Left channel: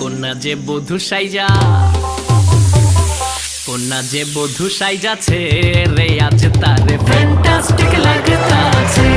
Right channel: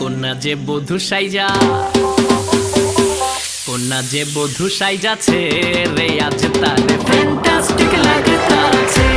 কন্যা যে বধূ সাইজা, কন্যা যে বধূ সাইজাছে রে, আজ তারে ফ্যান্টাস্টিক লাগতাছে।